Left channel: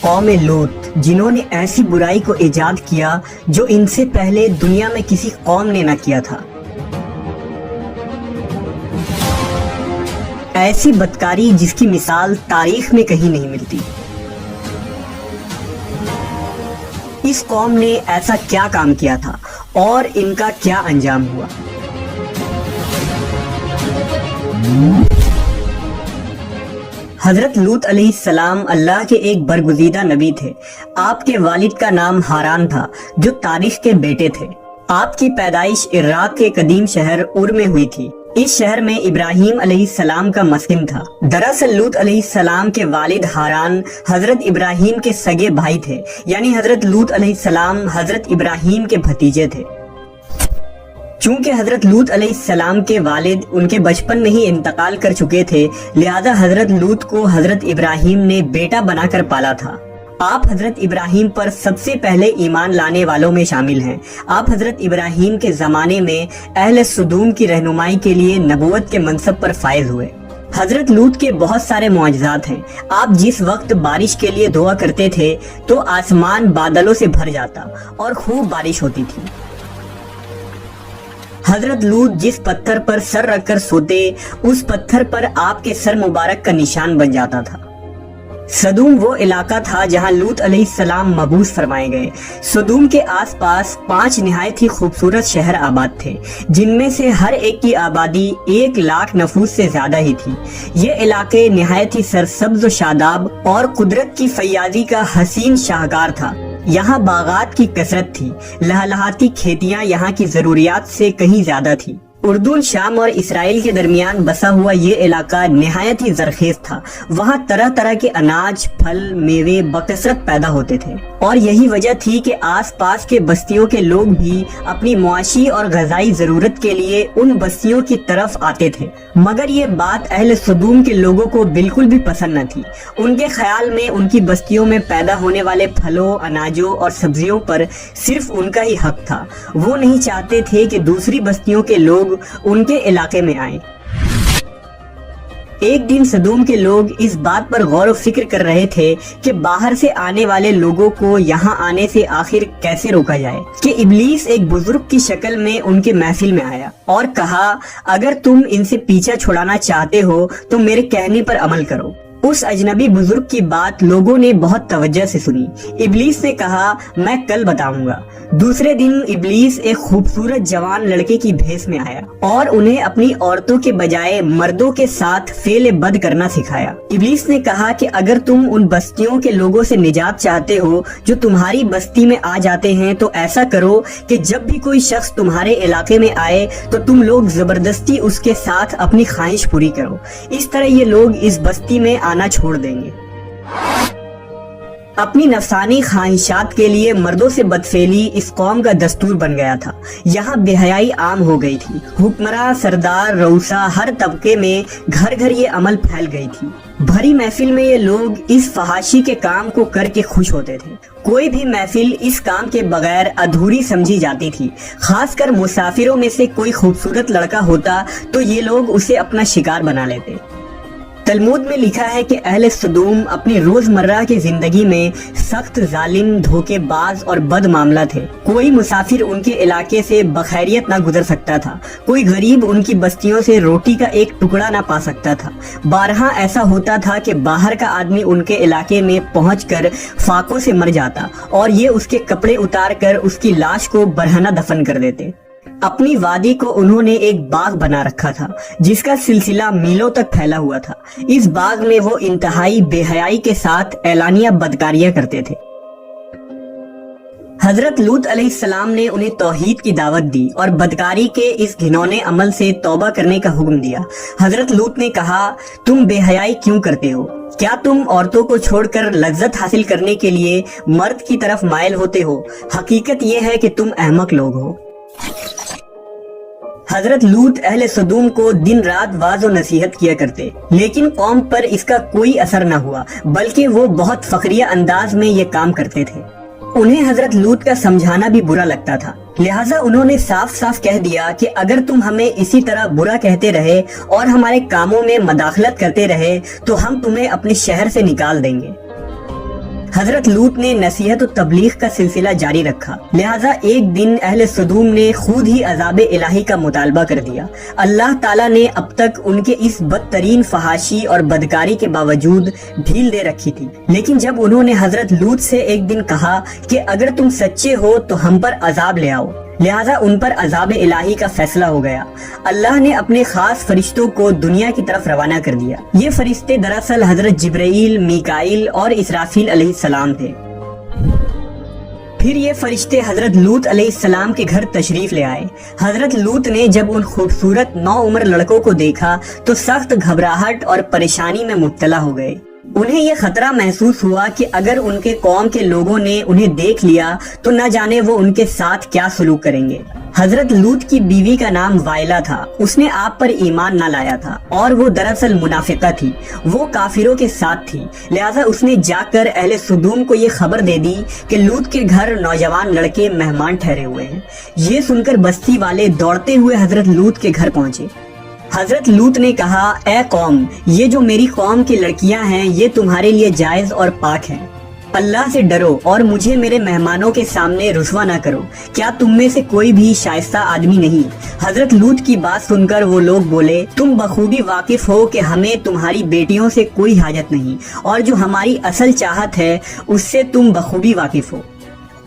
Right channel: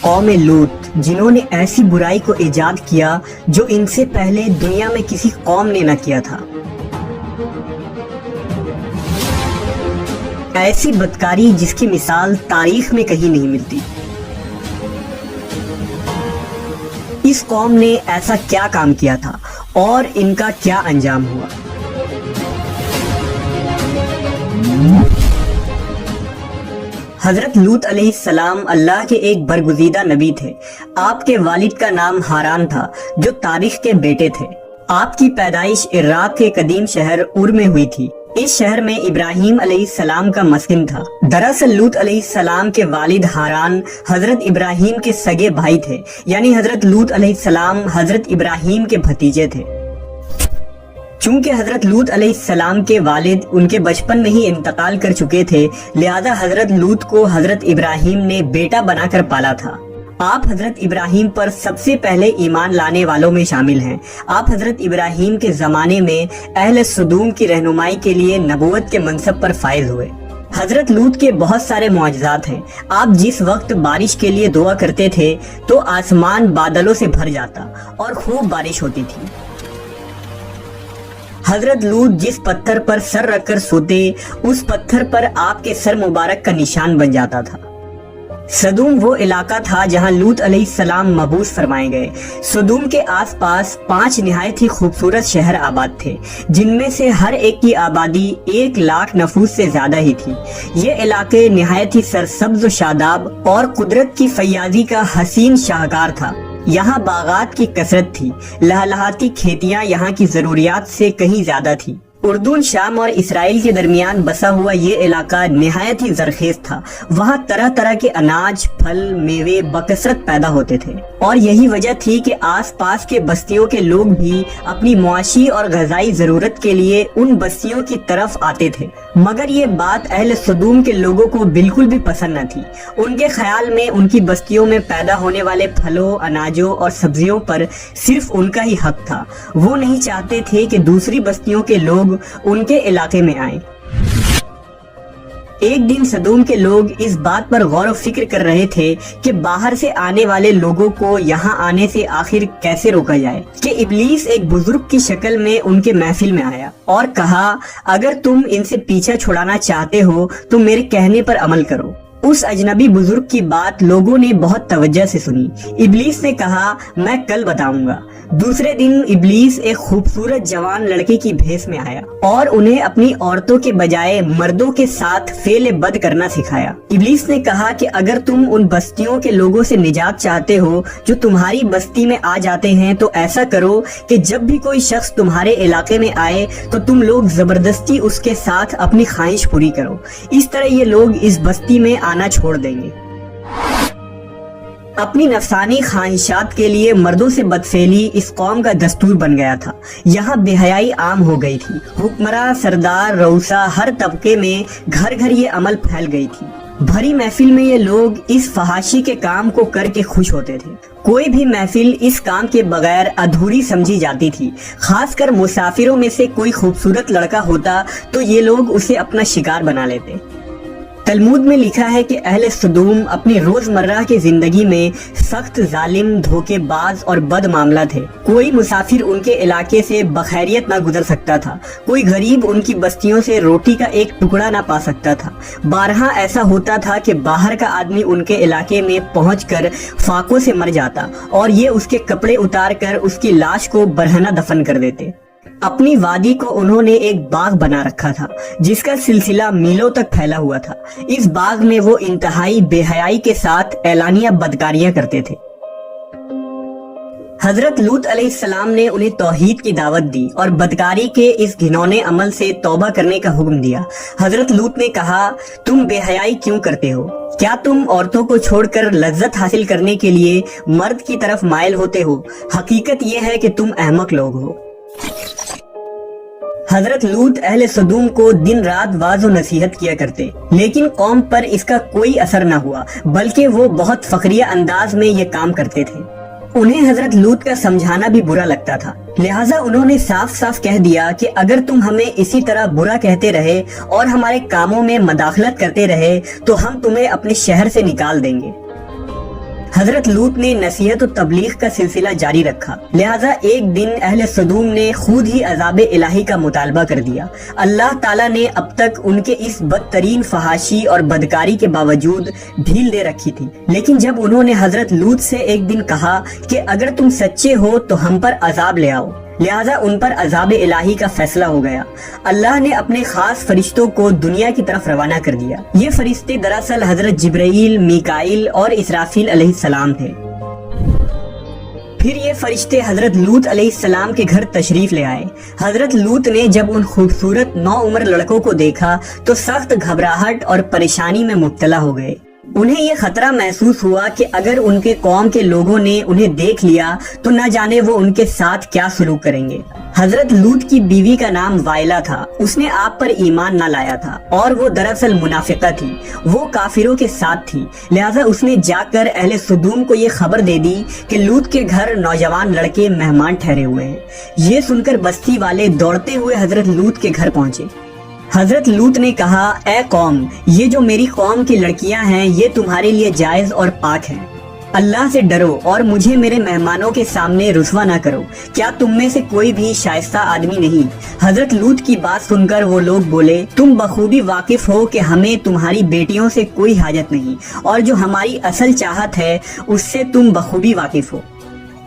قوم لوط جنہوں نے ایسی برائی کو ایجاد کیا جو ان سے پہلے دنیا میں کسی قوم نے نہ کیا تھا، ایسی بدکاری جس کی مثال تاریخ میں کہیں نہیں ملتی۔ اس قوم نے ایسا کیا کام کیا تھا اور ان کا کیا انجام ہوا؟ حضرت لوط علیہ السلام اللہ کے ایک برگزیدہ نبی تھے۔ آپ کے والد کا نام ہاران تھا جو تاریخ کے بیٹے تھے۔ آپ کی پیدائش عراق کے قدیم شہر اور میں ہوئی تھی۔ اس شہر میں ابراہیم علیہ السلام کا مسکن تھا۔ دراصل لوط علیہ السلام کے والد ہاران حضرت ابراہیم کے سگے بھائی تھے، یعنی حضرت لوط علیہ السلام حضرت ابراہیم کے بھتیجے تھے۔ چونکہ حضرت لوط علیہ السلام کے والد ان کے بچپن میں ہی انتقال کر چکے تھے، لہذا حضرت لوط کو حضرت ابراہیم نے بیٹا بنا کر پالا تھا۔ آپ حضرت ابراہیم پر سب سے پہلے ایمان لانے والوں میں شامل ہیں۔ آپ حضرت ابراہیم کے زمانے میں اہل سدوم کی رہنمائی کے لیے نبوت کے منصب پر فائز ہوئے۔ حضرت لوط کے بہت سارے معجزات ہیں۔ آپ جس وقت بارش کے لیے دعا کرتے تھے تو آسمان بادلوں سے بھر جاتا اور خوب بارش ہوتی تھی۔ حضرت لوط جس پتھر پر سر رکھ کر سوتے، اس پتھر پر آپ کے سر مبارک کا نشان بن جاتا تھا۔ سدوم وہ علاقہ تھا جہاں لوط علیہ السلام مبعوث فرمائے گئے۔ سدوم کے آس پاس 5 نہایت ہی خوبصورت شہر آباد تھے، جن میں سے ہر ایک کی آبادی 1,00,000 نفوس سے زیادہ ہی تھی۔ یہ علاقے نہایت ہی سرسبز و شاداب اور قدرت کی فیاضی کا حسین شاہکار تھا۔ یہاں باغات کی کثرت تھی، لہلہاتی کھیتیاں یہاں کی ضروریات سے کہیں زیادہ تھی۔ اردن، شام اور اسرائیل کے درمیان بسا ہوا یہ علاقہ نہایت ہی زرخیز تھا۔ وہاں طرح طرح کے اناج، پھل، میوے بکثرت پیدا ہوتے تھے، اور یہی وجہ تھی کہ آس پاس کے بستیوں کے لوگ بھی اپنی معاشی اور غذائی ضرورت کے لیے ان بستیوں کی طرف آتے تھے۔ مگر یہ بات اہل سدوم کے لوگوں کو بالکل بھی پسند نہ تھی۔ ان کے خیال میں ان کی بستیوں میں پیدا ہونے والے پھلوں، اناجوں اور سبزیوں پر صرف ان کا ہی حق تھا۔ وہ نہیں چاہتے تھے کہ دوسری بستیوں کے لوگ ان کے علاقے میں آئیں۔ ایک دن سدوم کے لوگ اس بات پر غور و فکر کر رہے تھے کہ باہر سے آنے والے لوگوں کو یہاں آنے سے آخر کیسے روکا جائے، کہ ابلیس ایک بزرگ کی شکل میں ان کے محفل میں آیا اور کہا، اگر تم ان سے پیچھا چھڑانا چاہتے ہو تو میرے کہنے پر عمل کرو۔ اس اجنبی بزرگ کی بات لوگوں نے بہت توجہ سے سنی۔ ابلیس نے کہا، میں کل بتاؤں گا۔ دوسرے دن ابلیس ایک خوبصورت جوان لڑکے کی بھیس میں آیا اور انہیں اپنی عورتوں کے بجائے مردوں کے ساتھ فعل بد کرنا سکھایا۔ ابلیس نے کہا کہ اگر تم ان بستیوں کے لوگوں سے نجات چاہتے ہو جو تمہاری بستی میں آ جاتے ہیں تو ایسا کرو کہ جب بھی کوئی شخص تمہارے علاقے میں آئے تو تم لوگ زبردستی اس کے ساتھ اپنی خواہش پوری کرو۔ اس طرح یہ لوگ اس بستی میں آنا چھوڑ دیں گے۔ اپنی نفسانی خواہشات کے لیے مردوں سے بدفعلی اس قوم کا دستور بن گیا تھا۔ یہاں بے حیائی عام ہو گئی تھی۔ حکمراں، سردار، رؤسا، ہر طبقے میں گھر گھر یہ عمل پھیل گئی تھی۔ بھری محفل میں یہ لوگ اس فحاشی کے کام کو کر کے خوش ہوتے تھے۔ کوئی بھی محفل اس کام کے بغیر ادھوری سمجھی جاتی تھی۔ خاص کر مسافروں میں سے کوئی خوبصورت لڑکا ہوتا تو یہ لوگ اسے اپنا شکار بنا لیتے۔ تلمود میں لکھا ہے کہ اہل سدوم اپنی روزمرہ کی زندگی میں سخت ظالم، دھوکے باز اور بد معاملہ تھے۔ کوئی مسافر ان کے علاقے سے بخیریت نہ گزر سکتا تھا۔ کوئی غریب ان کی بستیوں سے روٹی کا ایک ٹکڑا نہ پا سکتا تھا۔ بارہا ایسا ہوتا تھا کہ باہر کا آدمی ان کے علاقے میں پہنچ کر فاقوں سے مر جاتا اور یہ اس کے کپڑے اتار کر اس کی لاش کو برہنہ دفن کر دیتے۔ اپنی وادی کو انہوں نے ایک باغ بنا رکھا تھا جس کا سلسلہ میلوں تک پھیلا ہوا تھا۔ اس باغ میں وہ انتہائی بے حیائی کے ساتھ اعلانیہ بدکاریاں کرتے تھے۔ حضرت لوط علیہ السلام نے انہیں توحید کی دعوت دی اور بدکاری کے اس گھنونے عمل سے توبہ کرنے کا حکم دیا۔ حضرت لوط نے کہا، تم بے حیائی کیوں کرتے ہو؟ کیا تم عورتوں کو چھوڑ کر لذت حاصل کرنے کے لیے مرد کی طرف مائل ہوتے ہو؟ حقیقت یہ ہے کہ تم احمق لوگ ہو۔ حضرت لوط اہل سدوم کو دن رات واعظ و نصیحت کیا کرتے، لیکن قوم پر اس کا کوئی اثر نہ ہوا، بلکہ وہ بہت فخریہ انداز میں یہ کام کرتے تھے۔ انہیں حضرت لوط کا سمجھانا بھی برا لگتا تھا، لہٰذا انہوں نے صاف صاف کہہ دیا کہ اگر تم ہمیں اسی طرح برا کہتے رہے اور ہمارے کاموں میں مداخلت کرتے رہے تو ہم تمہیں اپنے شہر سے نکال دیں گے۔ حضرت لوط نے نصیحت و تبلیغ کا سلسلہ جاری رکھا، لہٰذا ایک دن اہل سدوم نے خود ہی عذاب الہی کا مطالبہ کر دیا۔ اللہ تعالیٰ نے اب تک ان کے اس بدترین فحاشی اور بدکاری کے باوجود ڈھیل دے رکھی تھی، لیکن جب انہوں نے حضرت لوط سے ایک دن کہا کہ اگر تم سچے ہو تو ہم پر عذاب لے آؤ، لہٰذا ان پر عذاب الہی کا فیصلہ ہو گیا۔ اللہ نے اپنے خاص فرشتوں کو دنیا کی طرف روانہ کر دیا۔ یہ فرشتے دراصل حضرت جبرائیل، میکائیل اور اسرافیل علیہ السلام تھے۔ پھر یہ فرشتے حضرت لوط علیہ السلام کے گھر تشریف لے آئے۔ حضرت لوط نے جب ان خوبصورت نوعمر لڑکوں کو دیکھا تو سخت گھبراہٹ اور پریشانی میں مبتلا ہو گئے۔ انہیں یہ خطرہ محسوس ہوا کہ اگر ان کے قوم کے لوگوں نے انہیں دیکھ لیا تو نہ جانے وہ ان کے ساتھ کیا سلوک کریں گے۔ حضرت لوط کی بیوی کا نام وائلہ تھا، اس نے آپ پر ایمان نہ لایا تھا اور وہ دراصل منافقہ تھی، وہ کافروں کے ساتھ تھی، لہٰذا اس نے جا کر اہل سدوم کو یہ خبر دے دی کہ لوط کے گھر نوجوان لڑکے مہمان ٹھہرے ہوئے ہیں۔ یہ سن کر بستی والے دوڑتے ہوئے حضرت لوط کے گھر پہنچے۔ حضرت لوط نے کہا، اے قوم، یہ جو میری قوم کی لڑکیاں ہیں یہ تمہارے لیے جائز اور پاک ہیں، اللہ سے ڈرو اور مجھے میرے مہمانوں کے سامنے رسوا نہ کرو۔ کیا تم میں سے کوئی بھی شائستہ آدمی نہیں؟ حضرت لوط کی بات سن کر وہ لوگ بولے، تم بخوبی واقف ہو کہ ہمیں تمہاری بیٹیوں سے کوئی حاجت نہیں، اور جو ہماری اصل چاہت ہے اس سے تم بخوبی واقف ہو۔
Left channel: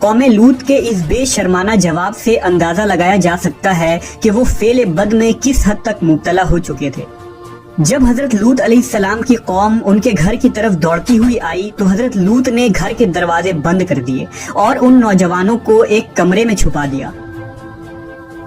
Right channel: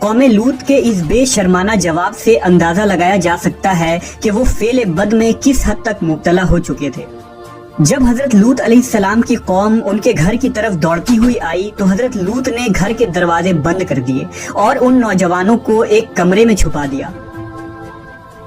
قوم لوط کے اس بے شرمانہ جواب سے اندازہ لگایا جا سکتا ہے کہ وہ فعل بد میں کس حد تک مبتلا ہو چکے تھے۔ جب حضرت لوط علیہ السلام کی قوم ان کے گھر کی طرف دوڑتی ہوئی آئی تو حضرت لوط نے گھر کے دروازے بند کر دیے اور ان نوجوانوں کو ایک کمرے میں چھپا دیا۔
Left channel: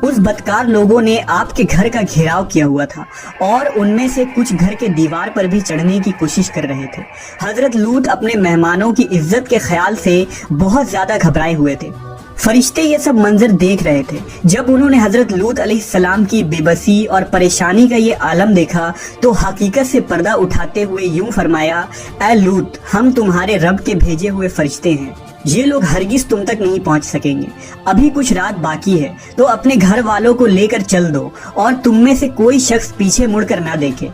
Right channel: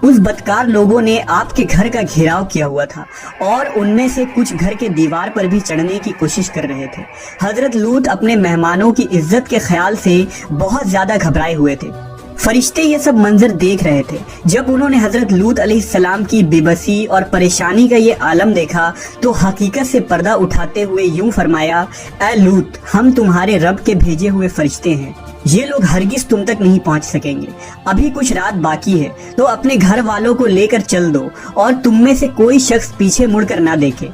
اس بدکار لوگوں نے آپ کے گھر کا گھیراؤ کیا ہوا تھا اور ان میں سے کچھ گھر کے دیوار پر بھی چڑھنے کی کوشش کر رہے تھے۔ حضرت لوط اپنے مہمانوں کی عزت کے خیال سے بہت زیادہ گھبرائے ہوئے تھے۔ فرشتے یہ سب منظر دیکھ رہے تھے۔ جب انہوں نے حضرت لوط علیہ السلام کی بے بسی اور پریشانی کا یہ عالم دیکھا تو حقیقت سے پردہ اٹھاتے ہوئے یوں فرمایا، اے لوط، ہم تمہارے رب کے بھیجے ہوئے فرشتے ہیں، یہ لوگ ہرگز تم تک نہیں پہنچ سکیں گے۔ ابھی کچھ رات باقی ہے تو اپنے گھر والوں کو لے کر چل دو اور تم میں سے کوئی شخص پیچھے مڑ کر نہ دیکھے۔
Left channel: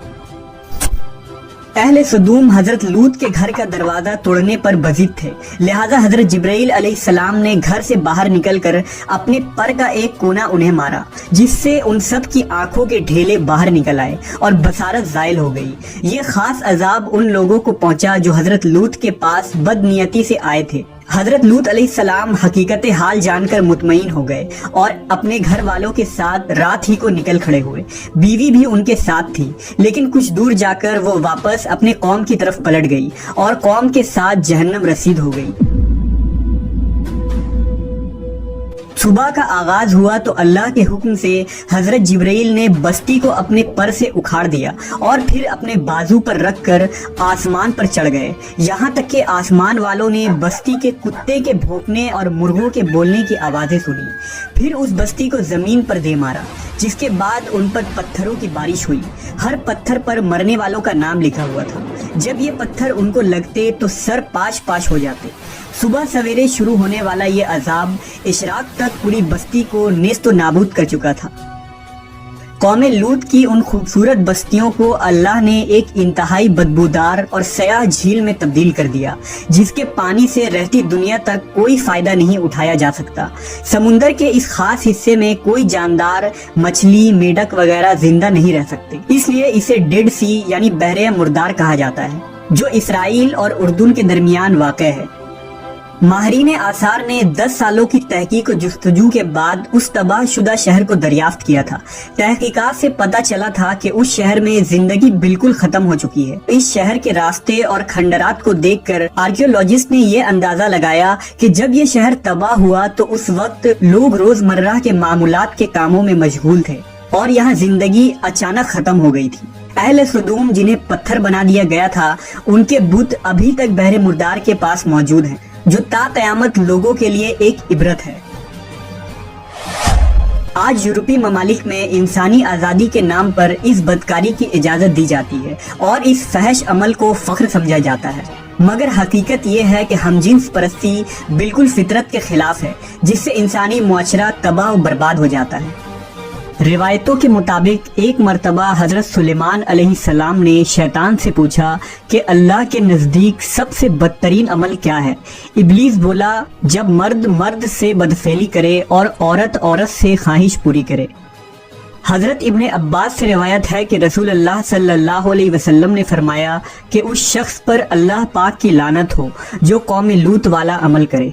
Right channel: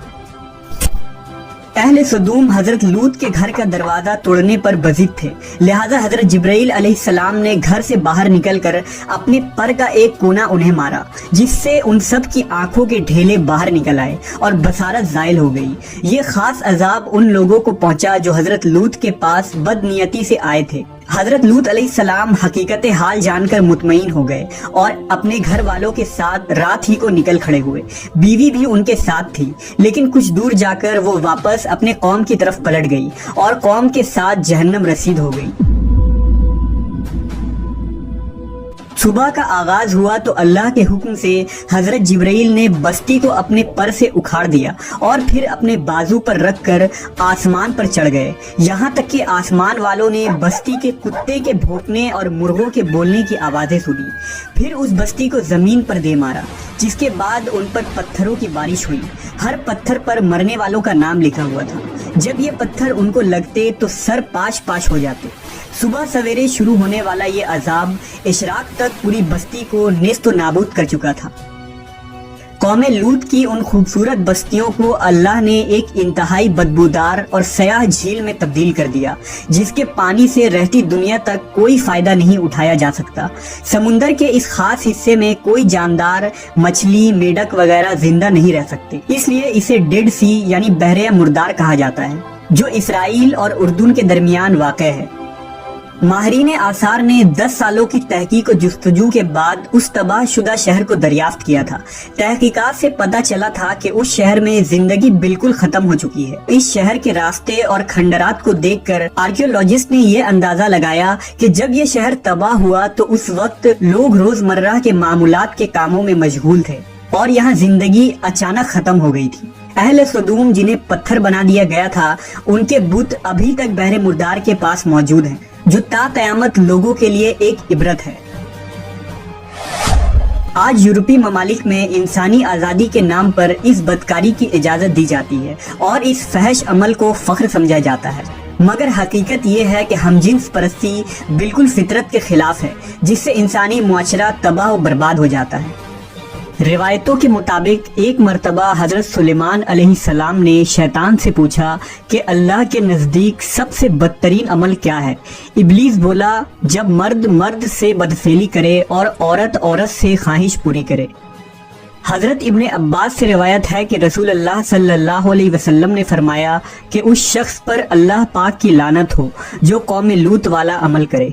اہل سدوم حضرت لوط کے گھر کا دروازہ توڑنے پر بضد تھے، لہٰذا حضرت جبرائیل علیہ السلام نے گھر سے باہر نکل کر اپنے پر کا ایک کونا انہیں مارا، جس سے ان سب کی آنکھوں کے ڈھیلے باہر نکل آئے اور بصارت زائل ہو گئی۔ یہ خاص عذاب ان لوگوں کو پہنچا جو حضرت لوط کے پاس بد نیتی سے آئے تھے۔ حضرت لوط علیہ السلام حقیقت حال جان کر مطمئن ہو گئے اور اپنے گھر والوں کے ساتھ رات ہی کو نکل کھڑے ہوئے۔ بیوی بھی ان کے ساتھ تھی، لیکن کچھ دور جا کر وہ واپس اپنے قوم کی طرف پلٹ گئی اور قوم کے ساتھ جہنم رسید ہو گئی۔ صبح کا آغاز ہوا تو اللہ کے حکم سے حضرت جبرائیل نے بستی کو اپنے پر سے اکھاڑ دیا اور پھر اپنے بازو پر رکھ کر آسمان پر چڑھ گئے، یہاں تک کہ آسمان والوں نے بستی کے کتے کے بھونکنے اور مرغوں کے بولنے کی آوازیں سنی۔ پھر اس بستی کو زمین پر دے مارا، جس کے بعد ان پر پتھروں کی بارش ہوئی۔ ہر پتھر پر مرنے والوں کا نام لکھا ہوا تھا۔ جب یہ پتھر ان کو لگتے تو سر پاش پاش ہو جاتے۔ صبح سویرے شروع ہونے والا یہ عذاب اشراق تک پوری بستی کو نیست و نابود کر چکا تھا۔ قوم لوط کی ان خوبصورت بستیوں کو اللہ نے ایک انتہائی بدبودار اور سیاہ جھیل میں تبدیل کر دیا، جس کے پانی سے رہتی دنیا تک کوئی فائدہ نہیں اٹھایا جا سکتا۔ سمندر کے اس خاص حصے میں کوئی جاندار، مچھلی، میڈک وغیرہ زندہ نہیں رہ سکتے، اس لیے اسے ڈیڈ سی یعنی بحر مردار کہا جاتا ہے، جو اسرائیل اور اردن کے درمیان واقع ہے۔ ماہرین آثار نے 10 سالوں کی تحقیق و جستجو کے بعد اس تباہ شدہ شہر کو دریافت کیا تھا۔ تحقیقات سے پتہ چلا تھا کہ اس شہر میں زندگی بالکل ختم ہو چکی ہے۔ اس شہر کے راستے اور کھنڈرات کو دیکھ کر آرکیولوجسٹ نے یہ اندازہ لگایا کہ جب یہ شہر تباہ ہوا تو اس وقت لوگ روزمرہ کے معمولات کے کاموں میں مشغول تھے اور یہاں زندگی اچانک ختم ہو گئی تھی۔ اہل سدوم جنہیں پتھر بنا دیا گیا تھا، ان کے بت ابھی تک بحر مردار کے پاس موجود ہیں، جو تا قیامت لوگوں کے لیے ایک عبرت ہے۔ آج یورپی ممالک میں انسانی آزادی کے نام پر اس بدکاری کی اجازت دی جاتی ہے اور اس فحش عمل کو فخر سمجھا جاتا ہے، مگر حقیقت یہ ہے کہ ہم جنس پرستی بالکل فطرت کے خلاف ہے، جس سے انسانی معاشرہ تباہ و برباد ہو جاتا ہے۔ روایتوں کے مطابق ایک مرتبہ حضرت سلیمان علیہ السلام نے شیطان سے پوچھا کہ اللہ کے نزدیک سب سے بدترین عمل کیا ہے؟ ابلیس بولا، جب مرد مرد سے بدفعلی کرے اور عورت عورت سے خواہش پوری کرے۔ حضرت ابن عباس سے روایت ہے کہ رسول اللہ صلی اللہ علیہ وسلم نے فرمایا کہ اس شخص پر اللہ پاک کی لعنت ہو جو قوم لوط والا عمل کرے۔